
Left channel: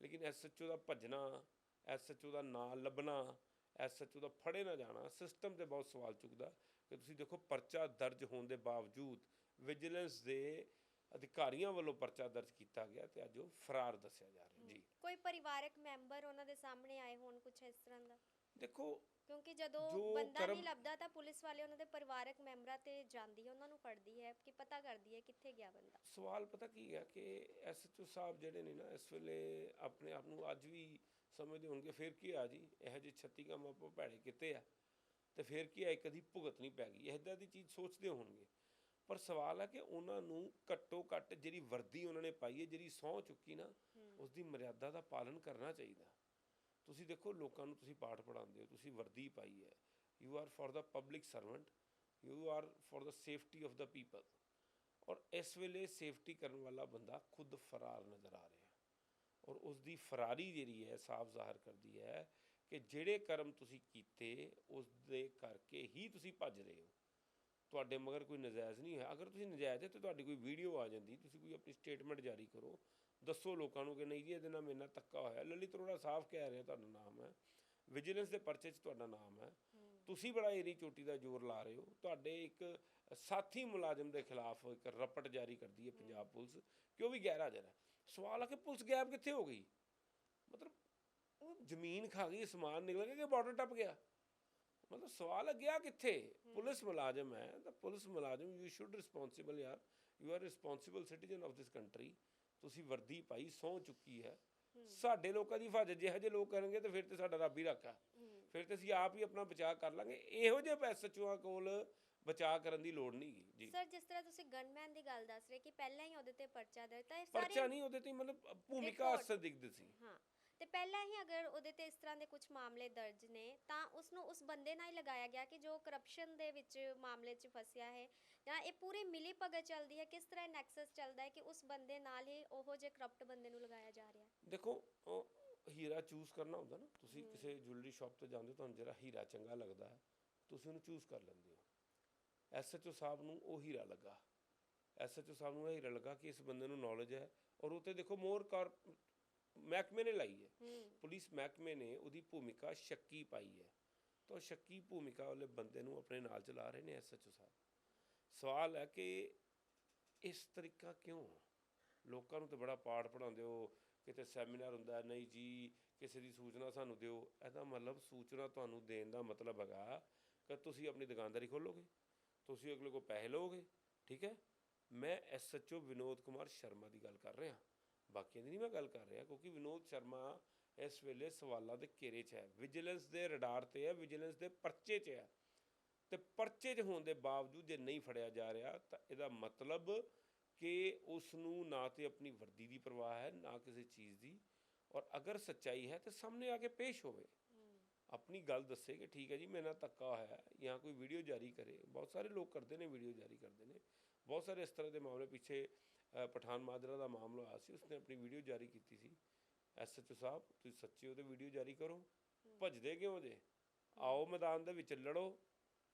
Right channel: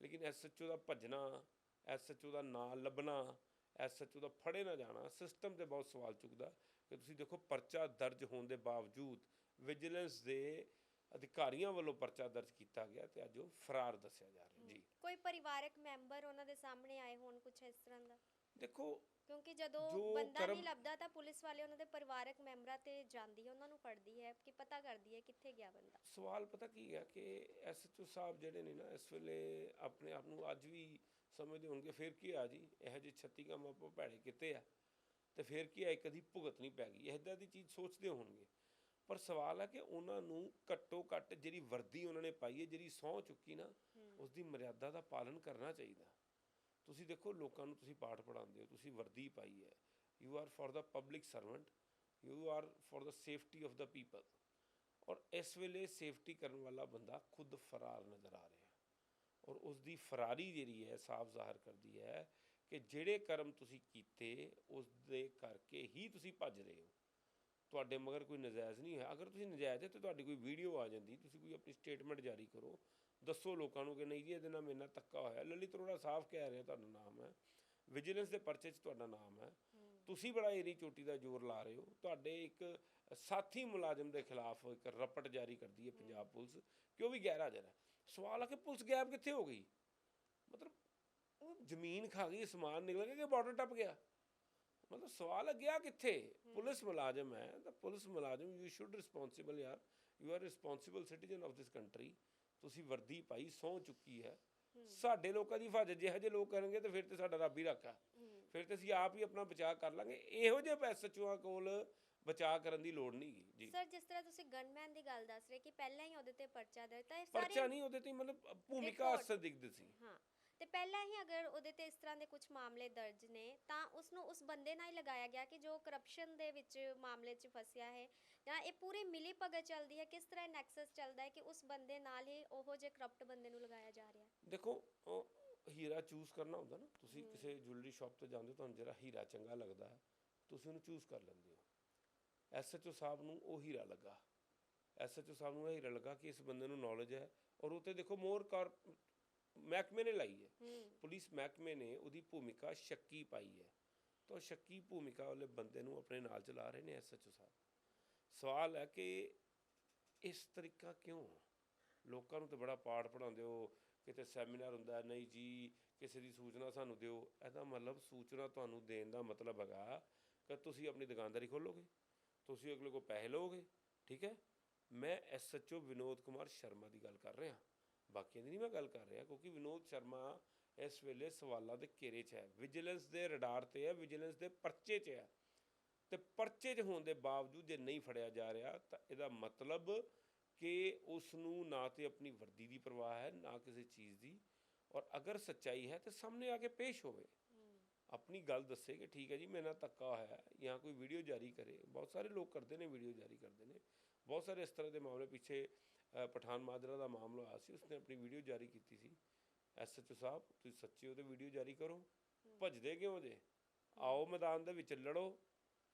Speaker 1: ਲੇਕਿਨ ਐਸਐਚਓ ਦਾ ਭੱਜਣਾ ਐਸਐਚਓ ਦਾ ਨਾਂ ਲੱਭਣਾ ਐਸਐਚਓ ਦਾ ਫੜੇ ਨਾ ਜਾਣਾ ਸਿਸਟਮ ਤੇ ਬਹੁਤ ਸਵਾਲ ਚੁੱਕਦਾ। ਕਿ ਤੁਸੀਂ ਦੇਖੋ ਪਰਚਾ ਦਰਜ ਹੋਣ ਦੇ ਬਾਵਜੂਦ ਵਿਜੀਲੈਂਸ ਦੇ ਅਧਿਕਾਰੀਆਂ ਵੱਲੋਂ ਪਰਚਾ ਦਰਜ ਕੀਤਾ ਗਿਆ ਤੇ ਅੱਜ ਉਹ ਫਰਾਰ ਦੱਸਿਆ ਜਾ ਰਿਹਾ। ਜੀ।
Speaker 2: ਕੋਈ ਪਰਿਵਾਰਕ ਮੈਂਬਰ ਉਹਨਾਂ ਦੇ ਸਾਹਮਣੇ ਆਏ ਹੋਣ ਕੁਝ ਇਸ ਤਰ੍ਹਾਂ ਦਾ?
Speaker 1: ਦੇਖੋ
Speaker 2: ਕਿਉਂਕਿ ਜਦੋਂ
Speaker 1: ਜੋ
Speaker 2: ਬੰਦਾ
Speaker 1: ਕਰਮ-
Speaker 2: ਨਹੀਂ ਲੱਭਦਾ ਤਾਂ ਪੁਲਿਸ ਵਾਲੇ ਉਹਨਾਂ ਦੇ ਪਰਿਵਾਰਕ ਮੈਂਬਰਾਂ ਤੇ ਜਾਂਦੀ ਹੈ ਉਹਨਾਂ ਨੂੰ ਫੜਦੀ ਹੈ ਕਿ ਪਤਾ ਕਰਦੀ ਹੈ ਕਿੱਥੇ ਗਿਆ ਬੰਦਾ।
Speaker 1: ਸਵਾਲ ਪਤਾ ਕੀ ਹੈ ਕਿ ਐਸਐਚਓ ਸਾਹਿਬ ਜਿਹੜੇ ਨੇ ਨਾ ਇਸ ਵੇਲੇ ਆਪਣੇ ਆਪ ਨੂੰ ਅੱਜ ਵੀ ਸਮਝਦੇ ਹੋਣਗੇ ਫਿਰ ਕੀ ਆ ਜੀ? ਇਹੋ ਜਿਹੇ 36 ਕੰਮ ਆਪਾਂ ਭੈੜੇ ਕੀਤੇ ਆ। ਤੇ ਫਿਰ ਕੀ ਆ ਕਦੀ ਭੁਗਤ ਨਹੀਂ ਪੈ ਗਈ। ਇਹਦਾ ਦੀ ਚੀਜ਼ ਸੋਚਦੇ ਹੋਣਗੇ। ਪਰ ਸਵਾਲ ਹੈ ਕਿ ਉਹਨਾਂ ਨੂੰ ਘੱਟੋ ਘੱਟ ਜਿਹੜੀ ਵਰਦੀ ਉਹਨਾਂ ਨੇ ਪਾਈ ਹੈ ਜਿਹੜੀ ਸਹੁੰ ਚੁੱਕੀ ਨਾ ਉਸ ਦੀ ਮਰਿਆਦਾ ਦਾ ਪਾਲਨ ਕਰਨਾ ਚਾਹੀਦਾ। ਤੁਸੀਂ ਦੇਖੋ ਲੋਕਾਂ ਨੂੰ ਤੁਸੀਂ ਪਾਠ ਪੜਾਉਂਦੇ ਹੋ ਤੁਸੀਂ ਵਰਦੀ ਪਾਈ ਹੈ। You are for the public servant you are for the safety of the people ਔਰ ਇਸ ਵੇਲੇ ਸੇਫਟੀ ਕਰਨ ਵਾਲਾ ਬੰਦਾ ਖੁਦ ਫਰਾਰ ਨਜ਼ਰ ਆ ਰਿਹਾ। ਔਰ ਉਸ ਦੀ ਫਰਾਰੀ ਜਿਹੜੀ ਹੈ ਸਾਫ਼ ਜ਼ਾਹਰ ਕਰਦੀ ਹੈ ਕਿ ਜਿਹੜੇ ਕਰਮ ਤੁਸੀਂ ਕੀਤੇ ਉਸ ਦੇ ਕਰਕੇ ਹੀ ਤੁਸੀਂ ਭੱਜ ਰਹੇ ਹੋ। ਤੁਹਾਡੇ ਮਗਰ ਕੋਈ ਨਜਾਇਜ਼ ਨਹੀਂ ਹੈ। ਅਗਰ ਤੁਸੀਂ ਨਜਾਇਜ਼ ਹੈ ਤੇ ਤੁਹਾਡੀ ਕੋਈ ਵੀਡੀਓ ਆ ਜਾਂਦੀ, ਤੁਸੀਂ ਕੋਈ ਆਪਣੀ ਸਟੇਟਮੈਂਟ ਜਾਰੀ ਕਰੋ। ਦੱਸੋ ਲੋਕਾਂ ਨੂੰ ਕਿ ਨਹੀਂ ਜੀ, ਇਹਦੇ ਨਾਲ ਮੇਰੇ ਨਾਲ ਧੱਕਾ ਹੋਇਆ। ਲਲਿਤ ਅਰੋੜਾ ਸਾਫ਼ ਕਹਿ ਰਿਹਾ, ਤੁਹਾਡਾ ਨਾਮ ਹੈ। ਵਿਜੀਲੈਂਸ ਦੇ ਪਰਚੇ 'ਚ ਤੁਹਾਡਾ ਨਾਮ ਹੈ। ਤੁਸੀਂ ਬੜਾ ਏਰੀ ਚੋਟੀ ਦਾ ਜ਼ੋਰ ਲਾ ਰਹੇ ਹੋ। ਤੁਹਾਡੇ ਇੱਕ ਸਾਥੀ ਮੁਲਾਜ਼ਮ ਦੇ ਖਿਲਾਫ ਇੱਕ ਰਪਟ ਜਾਰੀ ਕਰਦੀ ਹੈ ਪੰਜਾਬ ਪੁਲਿਸ। ਕਿ ਉਹ ਵੀ ਗੈਰ ਹਾਜ਼ਰ ਹੈ ਸਵਾਲ ਹੈ ਕਿ ਪੁਲਿਸ ਗਾਇਬ ਕਿੱਥੇ ਹੋ ਗਈ? ਮਤਲਬ ਉਹ ਜ਼ਮੀਨ ਖਾ ਗਈ, ਸਮਾਨ ਨਿਕਲ ਗਿਆ ਕਿ ਬਾਰਡਰ ਟੱਪ ਗਿਆ? ਮਤਲਬ ਸਵਾਲ ਗਿਆ ਕਿੱਥੇ? ਪੁਲਿਸ ਮੁਲਾਜ਼ਮ ਹੈ ਤਾਂ ਪੁਲਿਸ ਮੁਲਾਜ਼ਮ ਯੂ ਸ਼ੁੱਡ ਰਿਸਪੌਂਸਿਬਲ ਯਾਰ you are responsible citizen of this country ਤੁਸੀਂ ਵਰਦੀ ਪਾਈ ਸਹੁੰ ਚੁੱਕੀ ਹੈ। ਸਾਡੇ ਲੋਕਾਂ ਦੀ ਹਿਫਾਜ਼ਤ ਜਿਹੋ ਜਿਹੇ ਲੋਕ ਕਰਨਗੇ ਤੇ ਫਿਰ ਤੇ ਸਾਡਾ ਰੱਬ ਹੀ ਰੱਖਾ ਫਿਰ ਤੇ ਅਸੀਂ ਆਪ ਹੀ ਆਪਣਾ ਬਚਾਅ ਕਰ ਲਾਂਗੇ। ਇਹੋ ਜਿਹੇ ਐਸਐਚਓਆਂ ਕੋਲ ਬਚਾਅ ਕਰਨ ਦੀ ਲੋੜ ਨਹੀਂ ਜੀ।
Speaker 2: ਸਰ ਜਿਸ ਤਰ੍ਹਾਂ ਤੁਸੀਂ ਗਨਮੈਨ ਦੀ ਗੱਲ ਦੱਸ ਰਹੇ ਕਿ ਪਹਿਲਾਂ ਹੀ ਉਹਦੇ ਤੇ ਪਰਚਾ ਦਰਜ ਤਾਂ ਇਹ ਸਾਰੇ
Speaker 1: ਪਰਚਾ ਨਹੀਂ ਉਹਦੇ ਤੇ ਮਤਲਬ ਭੂਮਿਕਾ
Speaker 2: Report.
Speaker 1: ਸੰਦਿਗਧ ਸੀ।
Speaker 2: ਹਾਂ। ਤੇ ਪਹਿਲਾਂ ਹੀ ਅਗਰ ਉਹਦੇ ਤੇ ਇਸ ਤਰ੍ਹਾਂ ਦੇ ਕੁਝ ਮਾਮਲੇ ਦਰਜ ਨੇ ਤਾਂ ਉਸ ਨੂੰ ਉਸ ਬੰਦੇ ਨਾਲ ਹੀ ਲਗਾਇਆ ਗਿਆ ਕਿ ਜੋ ਕਰਪਸ਼ਨ ਦੇ ਵਿੱਚ ਮਾਮਲੇ 'ਚ ਫਸਿਆ ਹੈ ਜਾਂ ਇਹ ਪੂਰੀ ਮਿਲੀ ਭਗਤ ਚੱਲਦੀ ਹੈ ਕਿਸ ਤਰ੍ਹਾਂ ਨੈਕਸਸ ਚੱਲਦਾ ਹੈ ਕਿ ਉਸ ਬੰਦੇ ਨਾਲ ਹੀ ਉਹੋ ਜਿਹੇ ਕਰਪਟ ਬੰਦੇ ਨੂੰ ਲਗਾਇਆ ਜਾ ਰਿਹਾ
Speaker 1: ਦੇਖੋ ਉਹ ਹੀਰਾ ਚੂਜ਼ ਕਰਨਾ ਹੁੰਦਾ ਨਾ ਤੁਸੀਂ ਕਿਸੇ ਜੁਐਲਰੀ ਸ਼ਾਪ ਤੇ ਜਾਂਦੇ ਹੋ ਤੁਹਾਨੂੰ ਜਿਹੜਾ ਹੀਰਾ ਚੰਗਾ ਲੱਗਦਾ ਹੈ ਤੁਸੀਂ ਉਹਨੂੰ ਚੂਜ਼ ਕਰ ਲੈਂਦੇ ਹੋ। ਐਸਐਚਓ ਸਾਹਿਬ ਨੂੰ ਉਹ ਹੀਰਾ ਲੱਗਾ। ਐਸਐਚਓ ਸਾਹਿਬ ਨੂੰ ਇਹ ਹੀਰਾ ਲੱਗਾ ਕਿ ਇਸ ਬੰਦੇ ਨੂੰ ਨੌਲੇਜ ਹੈ ਔਰ ਉਹ ਤੇ ਦੇਖੋ ਮੋਰ ਕਾਰ ਮਹਿਕਮੇ ਨੇ ਲਾਈ ਹੈ। ਪੁਲਿਸ ਮਹਿਕਮੇ ਨੇ ਉਹਦੀ ਭੂਮਿਕਾ ਸ਼ੱਕੀ ਪਾਈ ਹੈ। ਤਾਂ ਸ਼ੱਕੀ ਭੂਮਿਕਾ ਵਾਲੇ ਬੰਦੇ ਨੂੰ ਆਪਣੇ ਨਾਲ ਚਲਾ ਰਹੇ ਨੇ ਐਸਐਚਓ ਸਾਹਿਬ। ਸਵਾਲ ਹੈ ਕਿ ਇਸ ਤਰੀਕਾ ਕਿਉਂ? ਲੋਕਾਂ ਨੂੰ ਤੇ ਬੜਾ ਪਾਠ ਪੜਾਉਂਦੇ ਹੋ ਕਿਤੇ ਸੈਮੀਨਾਰ ਹੁੰਦਾ ਨਹੀਂ ਜੀ ਕਿਸੇ ਦੀ ਸੂਚਨਾ ਸਾਨੂੰ ਦਿਓ। ਇਹਦਾ ਮਤਲਬ ਸੂਚਨਾ ਤੁਹਾਨੂੰ ਦੇਣ ਦਾ ਮਤਲਬ ਹੈਗਾ ਕਿ ਤੁਸੀਂ ਆਪਣੀ ਦੁਕਾਨਦਾਰੀ ਖੋਲੋਗੇ ਤੁਸੀਂ ਅਗਲੇ ਕੋ ਪੈਸੇ ਲਓਗੇ ਠੀਕ ਹੈ? ਮੈਂ ਐਸਐਚਓ ਵਿਨੋਦ ਕੁਮਾਰ ਸ਼ਰਮਾ ਦੀ ਗੱਲ ਕਰ ਰਿਹਾ। ਬਾਕੀਆਂ ਦੀ ਨਹੀਂ ਮੈਂ ਗੱਲ ਕਰ ਰਿਹਾ ਕਿਉਂਕਿ ਵਿਨੋਦ ਸ਼ਰਮਾ ਇਸ ਵੇਲੇ ਸਵਾਲਾਂ ਦੇ ਘੇਰੇ 'ਚ ਹੈ। ਵਿਜੀਲੈਂਸ ਦੇ ਰਡਾਰ ਤੇ ਹੈ ਵਿਜੀਲੈਂਸ ਦੇ ਪਰਚੇ 'ਚ ਹੈ। ਤੇ ਪਰਚੇ 'ਚ ਹੋਣ ਦੇ ਬਾਵਜੂਦ ਜੇ ਨਹੀਂ ਫੜਿਆ ਜਾ ਰਿਹਾ ਤਾਂ ਇਹਦਾ ਮਤਲਬ ਕਿ ਉਸ ਨੂੰ ਨਾ ਤੇ ਆਪਣੀ ਵਰਦੀ ਦੀ ਪਰਵਾਹ ਹੈ ਨਾ ਕਿਸੇ ਚੀਜ਼ ਦੀ। ਔਰ ਅਗਰ ਸੱਚਾਈ ਹੈ ਤੇ ਸਾਹਮਣੇ ਆ ਕੇ ਪੇਸ਼ ਹੋਵੇ। ਆਪਣੀ ਗੱਲ ਦੱਸੇ ਕਿ ਠੀਕ ਹੈ ਜੀ ਮੇਰੇ ਨਾਲ ਧੱਕਾ ਹੋਇਆ ਹੈ ਜਾਂ ਕੋਈ ਵੀਡੀਓ ਜਾਰੀ ਕਰੇ। ਬਹੁਤ ਸਾਰੇ ਲੋਕ ਕਰਦੇ ਨੇ ਵੀਡੀਓ ਜਾਰੀ ਕਰਦੇ ਨੇ। ਬਹੁਤ ਸਾਰੇ ਇਸ ਤਰ੍ਹਾਂ ਦੇ ਮਾਮਲੇ ਪਿੱਛੇ ਪਠਾਨ ਮਾਜਰਾ ਦਾ ਮਾਮਲਾ ਆਇਆ ਸੀ ਉਸਨੇ ਆਪਣੀ ਵੀਡੀਓ ਜਾਰੀ ਕੀਤੀ ਸੀ। ਐਸਐਚਓ ਸਾਹਿਬ ਤੁਸੀਂ ਸੱਚੇ ਉਹਦੇ ਵੀਡੀਓ ਜਾਰੀ ਕਰੋ। ਭੱਜਦੇ ਕਿਉਂ ਜੇ? ਆਓ ਮੈਦਾਨ ਦੇ ਵਿੱਚ ਲੜੋ।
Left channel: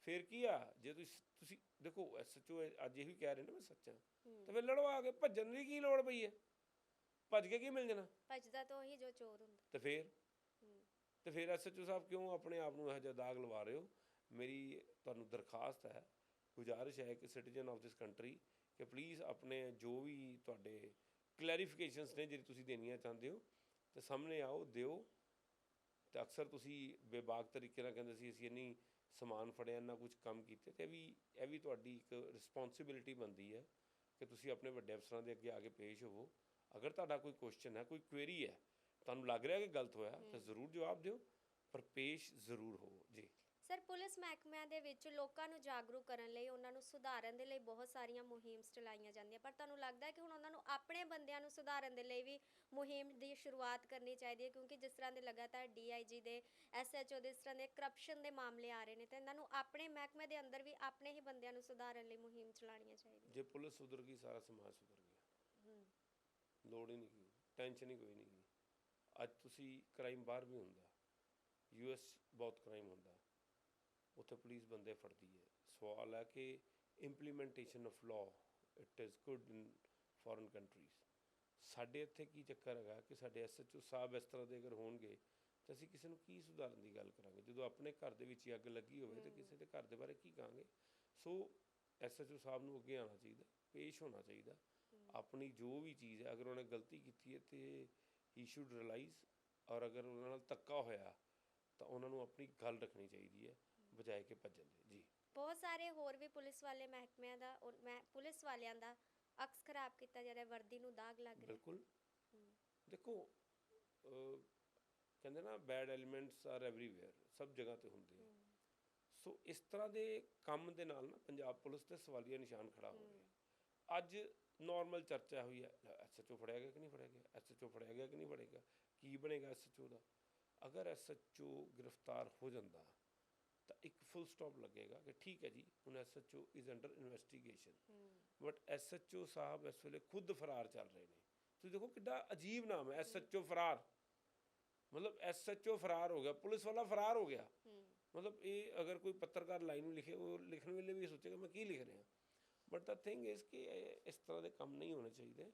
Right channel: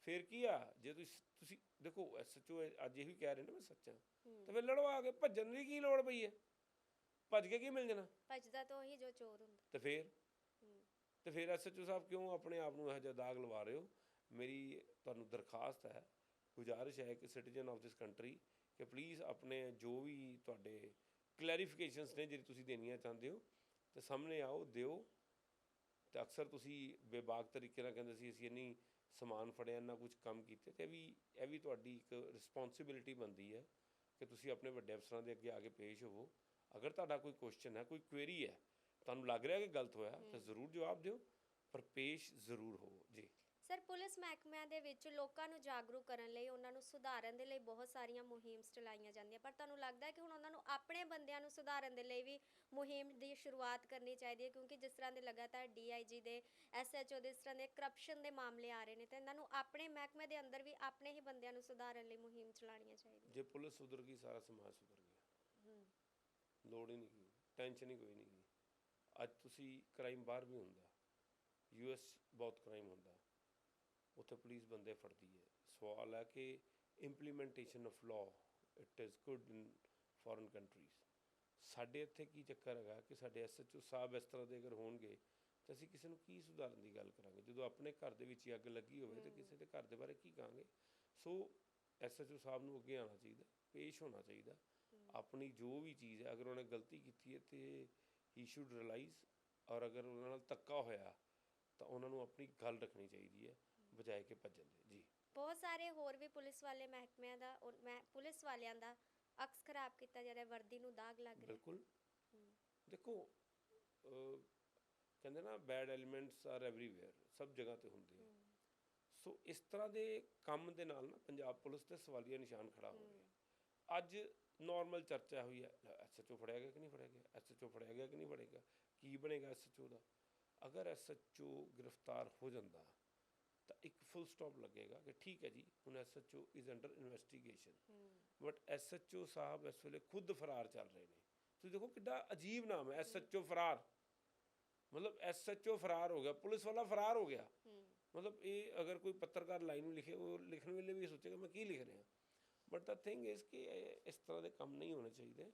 Speaker 1: ਫਿਰ ਕੀ ਆ? ਜੇ ਤੁਸੀਂ ਤੁਸੀਂ ਦੇਖੋ ਐਸਐਚਓ ਅੱਜ ਇਹ ਵੀ ਕਹਿ ਰਹੇ ਨੇ ਮੈਂ ਸੱਚਾ ਤਾਂ ਫਿਰ ਲੜੋ ਆ ਕੇ ਭੱਜਣ ਦੀ ਕੀ ਲੋੜ ਪਈ ਹੈ? ਭੱਜ ਕੇ ਕੀ ਮਿਲ ਜਾਣਾ?
Speaker 2: ਭੱਜਦਾ ਤਾਂ ਉਹੀ ਜੋ ਚੋਰ ਹੁੰਦਾ।
Speaker 1: ਤੇ ਫਿਰ? ਤੇ ਫਿਰ ਐਸਐਚਓ ਸਾਹਿਬ ਕਿਉਂ ਆਪਣੇ ਆਪ ਨੂੰ ਇਹੋ ਜਿਹਾ ਦਾਗ ਲਵਾ ਰਹੇ ਹੋ? ਮੇਰੀ ਤੁਹਾਨੂੰ ਦਰਖਾਸਤ ਹੈ ਗੁਜ਼ਾਰਿਸ਼ ਹੈ ਕਿ ਸਿਟੀਜ਼ਨ ਆਫ ਦਿਸ ਕੰਟਰੀ ਕਿ ਪਲੀਜ਼ ਆਪਣੇ ਜੋ ਵੀ ਤੁਹਾਡੇ ਕਲੈਰੀਫਿਕੇਸ਼ਨਸ ਨੇ ਜਿਹੜੀ ਤੁਸੀਂ ਦੇਣੀਆਂ ਚਾਹੁੰਦੇ ਹੋ, ਤੇ ਸਾਹਮਣੇ ਆਓ, ਦਿਓ। ਤੇ ਅਕਸਰ ਤੁਸੀਂ ਬੇਬਾਕ ਤਰੀਕੇ ਨਾਲ ਕਹਿੰਦੇ ਸੀ, ਅਸੀਂ ਇੰਨੀ ਸਮਾਨ ਫੜਿਆ, ਇੰਨਾ ਕੁਝ ਕੰਮ ਕੀਤੇ, ਤੇ ਇਹ ਵੀ ਇਹ ਵੀ ਤੁਹਾਡੀ ਇੱਕ ਰਿਸਪੌਂਸਿਬਿਲਿਟੀ ਬਣਦੀ ਹੈ ਕਿ ਤੁਸੀਂ ਆਪਣੇ ਵੱਡੇ ਅਫਸਰਾਂ ਦੇ ਅੱਗੇ ਆ ਕੇ ਪੇਸ਼ ਹੋਵੋ। ਅਗਰ ਤੁਹਾਡਾ ਕੋਈ ਕੁਐਸਚਨ ਹੈ, ਕੋਈ ਕੁਐਰੀ ਹੈ, ਤੁਹਾਨੂੰ ਲੱਗ ਰਿਹਾ ਕਿ ਗਲਤ ਹੋਇਆ, ਤਾਂ ਜ਼ਰੂਰ ਜਵਾਬ ਦਿਓ, ਪਰ ਪੇਸ਼ ਜ਼ਰੂਰ ਹੋਵੋ। ਜੀ।
Speaker 2: ਸਰ ਪੁਲਿਸ ਮਹਿਕਮਿਆਂ ਦੇ ਵਿੱਚ ਲੋਕਾਂ ਨੂੰ ਜਾਗਰੂਕ ਕਰਨ ਲਈ ਉਹਨਾਂ ਨੂੰ ਸੁਧਾਰਨ ਦੇ ਲਈ ਬਹੁਤ ਸਾਰੀਆਂ ਮੁਹਿੰਮ ਚਲਾਈਆਂ ਜਾਂਦੀਆਂ। ਪਰ ਤੁਹਾਨੂੰ ਲੱਗਦਾ ਹੈ ਕਿ ਹੁਣ ਉਹਨਾਂ ਨੂੰ ਆਪਣੇ ਬੰਦਿਆਂ ਨੂੰ ਸੁਧਾਰਨ ਦੇ ਲਈ ਵੀ ਮੁਹਿੰਮ ਦੀ ਸ਼ੁਰੂਆਤ ਕਰਨੀ ਚਾਹੀਦੀ ਹੈ? ਕਿਉਂਕਿ ਜਿਸ ਤਰ੍ਹਾਂ ਦੇ ਲਗਾਤਾਰ ਡੀਆਈਜੀ ਦੇ ਐਸਐਚਓ ਦੇ ਇਸ ਤਰ੍ਹਾਂ ਦੇ ਕਰਪਸ਼ਨ ਦੇ ਮਾਮਲੇ ਆ ਰਹੇ ਨੇ ਤੇ ਇਹਨਾਂ ਨੂੰ ਆਪਣੇ ਮਹਿਕਮੇ ਦੇ ਅੰਦਰ ਵੀ ਆਪਣੇ ਹੀ ਬੰਦਿਆਂ ਨੂੰ ਸੁਧਾਰਨ ਲਈ ਮੁਹਿੰਮ ਚਲਾਉਣੀਆਂ ਚਾਹੀਦੀਆਂ।
Speaker 1: ਜੇ ਪੁਲਿਸ ਸੁਧਰ ਗਈ ਸਾਰਾ ਸਮਾਜ ਸੁਧਰ ਗਿਆ।
Speaker 2: ਹੂੰ।
Speaker 1: ਲੋੜ ਹੀ ਨਹੀਂ ਟੈਨਸ਼ਨ ਹੀ ਕੋਈ ਨਹੀਂ ਅੱਜ ਤੁਸੀਂ ਕ੍ਰਾਈਮ ਬਾਹਰ ਵੀ ਹੁੰਦਾ। ਯੂਐਸ ਬਹੁਤ ਕ੍ਰਾਈਮ ਹੁੰਦਾ। ਉੱਥੇ ਪੁਲਿਸ ਬੰਦੇ ਫੜਦੀ ਹੈ। ਸਵਾਲ ਹੈ ਕਿ implementation of law it is good in foreign countries ਸਾਡੇ ਇੱਥੇ ਕੀ ਚੱਕਰ ਹੈਗਾ ਕਿ ਸਾਡੇ ਐਸਐਚਓ ਸਾਹਿਬ ਇਸ ਤਰ੍ਹਾਂ ਦੇ ਅਗਰ ਹੋਣਗੇ, ਤਾਂ ਅਸੀਂ ਕਿਸੇ ਨੂੰ ਕੀ ਸੁਧਾਰਨ ਦੀ ਗੱਲ ਕਰਾਂਗੇ? ਜਦੋਂ ਆਪਣੇ ਘਰ ਦੇ ਵਿੱਚ ਹੀ ਅੱਗ ਲੱਗੀ ਹੋਵੇ, ਤਾਂ ਕਿਸੇ ਦੇ ਘਰ ਦੇ ਬਾਰੇ ਕੀ ਕਹਾਂਗੇ? ਸੋ ਐਸਐਚਓ ਸਾਹਿਬ ਨੂੰ ਅੱਗੇ ਆਉਣਾ ਚਾਹੀਦਾ, ਪੇਸ਼ ਹੋਣਾ ਚਾਹੀਦਾ। ਆਪਣੀ ਜੋ ਵੀ ਚੀਜ਼ ਹੈ, ਅਗਰ ਉਹਨੇ ਗਲਤੀ ਕੀਤੀ ਹੈ, ਤੇ ਹੀ ਸ਼ੁੱਡ ਰਿਅਲਾਈਜ਼ ਔਰ ਅਗਰ ਉਹਨਾਂ ਨਾਲ ਧੱਕਾ ਹੋਇਆ, ਤਾਂ ਉਹਨਾਂ ਨੂੰ ਆਪਣੀ ਗੱਲ ਰੱਖਣੀ ਚਾਹੀਦੀ ਹੈ। ਬਜਾਏ ਕਿ ਭੱਜਣ ਦੇ ਜੀ।
Speaker 2: ਬਹੁਤ ਸਾਰੇ ਹੋਰ ਵੀ ਪੁਲਿਸ ਵਾਲੇ ਮਹਿਕਮਿਆਂ ਦਾ ਉਹ ਮੈਂ ਪੁਲਿਸ ਵਾਲਿਆਂ ਦਾ ਅਕਸ ਖਰਾਬ ਕੀਤਾ ਜਾ ਰਿਹਾ ਵਰਦੀ ਨੂੰ ਦਾਗ ਲੱਗ ਰਿਹਾ।
Speaker 1: ਬਿਲਕੁਲ। ਦੇਖੋ ਅਹ, ਕਹਿੰਦੇ ਨਾ ਬੈਡ ਐਲੀਮੈਂਟਸ ਆਰ ਐਵਰੀਵੇਅਰ ਸਭ ਜਗ੍ਹਾ ਤੇ ਹੁੰਦੇ ਆ। ਸੋ ਇਸ ਤਰ੍ਹਾਂ ਦੇ ਕੰਮ ਦੇ ਨਾਲ ਨਾ ਪੰਜਾਬ ਪੁਲਿਸ ਤੇ ਸਵਾਲੀਆ ਨਿਸ਼ਾਨ ਖੜਾ ਹੋ ਰਿਹਾ ਅੱਜ ਨਾਰਮਲ ਚਰਚਾ ਹੋਈ ਹੈ ਐਸਐਚਓ ਫੜਿਆ ਗਿਆ ਕਿ ਨਹੀਂ ਫੜਿਆ ਗਿਆ? ਐਸਐਚਓ ਫੜਿਆ ਗਿਆ ਕਿ ਨਹੀਂ ਫੜਿਆ ਗਿਆ? ਕੀ ਬਣੇਗਾ ਐਸਐਚਓ ਦਾ? ਅਗਰ ਐਸਐਚਓ ਗ੍ਰਿਫਤਾਰ ਹੋ ਜਾਂਦਾ ਤਾਂ ਇੱਕ ਫੁੱਲ ਸਟਾਪ ਲੱਗੇਗਾ ਕਿ ਠੀਕ ਹੈ ਜੀ ਹੁਣ SHO is under investigation but SHO ਸਾਹਿਬ ਇਸ ਵੇਲੇ ਖੁਦ ਫਰਾਰ ਚੱਲ ਰਹੇ ਨੇ। ਤੁਸੀਂ ਦੇਖੋ ਕਿੱਡਾ ਅਜੀਬ ਨਾਮ ਹੈ ਐਸਐਚਓ ਫਰਾਰ। ਮਤਲਬ ਐਸਐਚਓ ਫਰਾਰ ਹੋ ਗਿਆ ਪੁਲਿਸ ਵਾਲਾ ਫਰਾਰ ਹੋ ਗਿਆ। ਮਤਲਬ ਇਹ ਅਗਰ ਕੋਈ ਪੱਤਰਕਾਰ ਲਾਈਨ ਨੂੰ ਲਿਖੇ ਉਹ ਲਿਖਣ ਵੇਲੇ ਵੀ ਸੋਚੇਗਾ ਮੈਂ ਕੀ ਲਿਖ ਰਿਹਾ ਬਟ ਦਾ ਥਿੰਗ ਇਸ ਕਿ ਇਸ ਤਰ੍ਹਾਂ ਦੇ ਕੰਮ ਨਹੀਂ ਹੋਣੇ ਚਾਹੀਦੇ।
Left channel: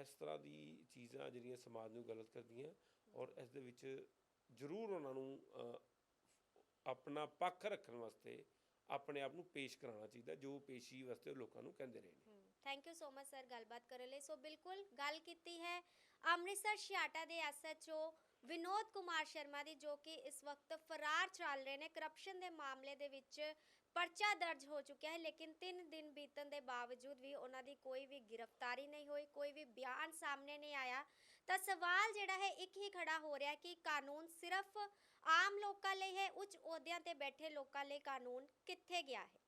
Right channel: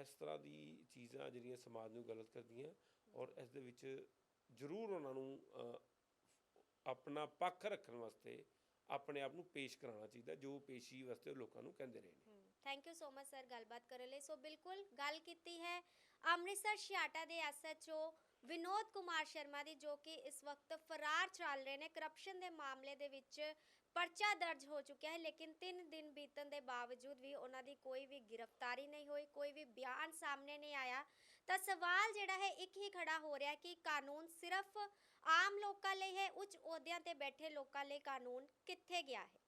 Speaker 1: ਇਸ ਤਰ੍ਹਾਂ ਦੀ ਚੀਜ਼ਾਂ ਜਿਹੜੀਆਂ ਸਮਾਜ ਨੂੰ ਗਲਤ ਕਰਦੀਆਂ ਔਰ ਇਸ ਦੇ ਵਿੱਚ ਜ਼ਰੂਰ ਉਹਨਾਂ ਨੂੰ ਆਪਣਾ ਪੱਖ ਰੱਖਣ ਵਾਸਤੇ ਆਪਣੇ ਆਪ ਨੂੰ ਪੇਸ਼ ਕਰਾਉਣਾ ਚਾਹੀਦਾ, ਜੋ ਪੇਸ਼ੀ ਵਾਸਤੇ ਲੋਕਾਂ ਨੂੰ ਕਹਿੰਦੇ ਨੇ।
Speaker 2: Thank you so much sir ਗੱਲਬਾਤ ਕਰਨ ਲਈ। ਸੋ ਬਿਲਕੁਲ ਗੱਲ ਕੀਤੀ ਹੈ ਅੰਮ੍ਰਿਤਸਰ ਛਿਆਟਾ ਦੇ ਐਸਐਚਓ ਵਿਨੋਦ ਕੁਮਾਰ ਸ਼ਰਮਾ ਦੀ, ਜੋ ਕਿ ਇਸ ਵਕਤ ਫਰਾਰ ਚੱਲ ਰਹੇ ਨੇ। ਕਰਪਸ਼ਨ ਦੇ ਮਾਮਲੇ ਦੇ ਵਿੱਚ ਪਰਚਾ ਦਰਜ ਹੋ ਚੁੱਕਿਆ ਹੈ, ਲੇਕਿਨ 3 ਦਿਨ ਬੀਤਣ ਦੇ ਬਾਵਜੂਦ ਵੀ ਉਹਨਾਂ ਦੀ ਕੋਈ ਵੀ ਗ੍ਰਿਫਤਾਰੀ ਨਹੀਂ ਹੋਈ, ਕੋਈ ਵੀ ਬਿਆਨ ਸਾਹਮਣੇ ਨਹੀਂ ਆਇਆ। ਤਾਂ ਸਵਾਲ ਜਿਹੜਾ ਹੈ, ਇੱਕ ਹੀ ਖੜਾ ਹੋ ਰਿਹਾ ਕਿ ਕਾਨੂੰਨ ਸਿਰਫ ਆਮ ਲੋਕਾਂ ਲਈ ਹੈ ਉੱਚ ਅਹੁਦਿਆਂ ਤੇ ਬੈਠੇ ਲੋਕਾਂ ਲਈ ਕਾਨੂੰਨ ਕਿੱਥੇ ਗਿਆ ਹੈ?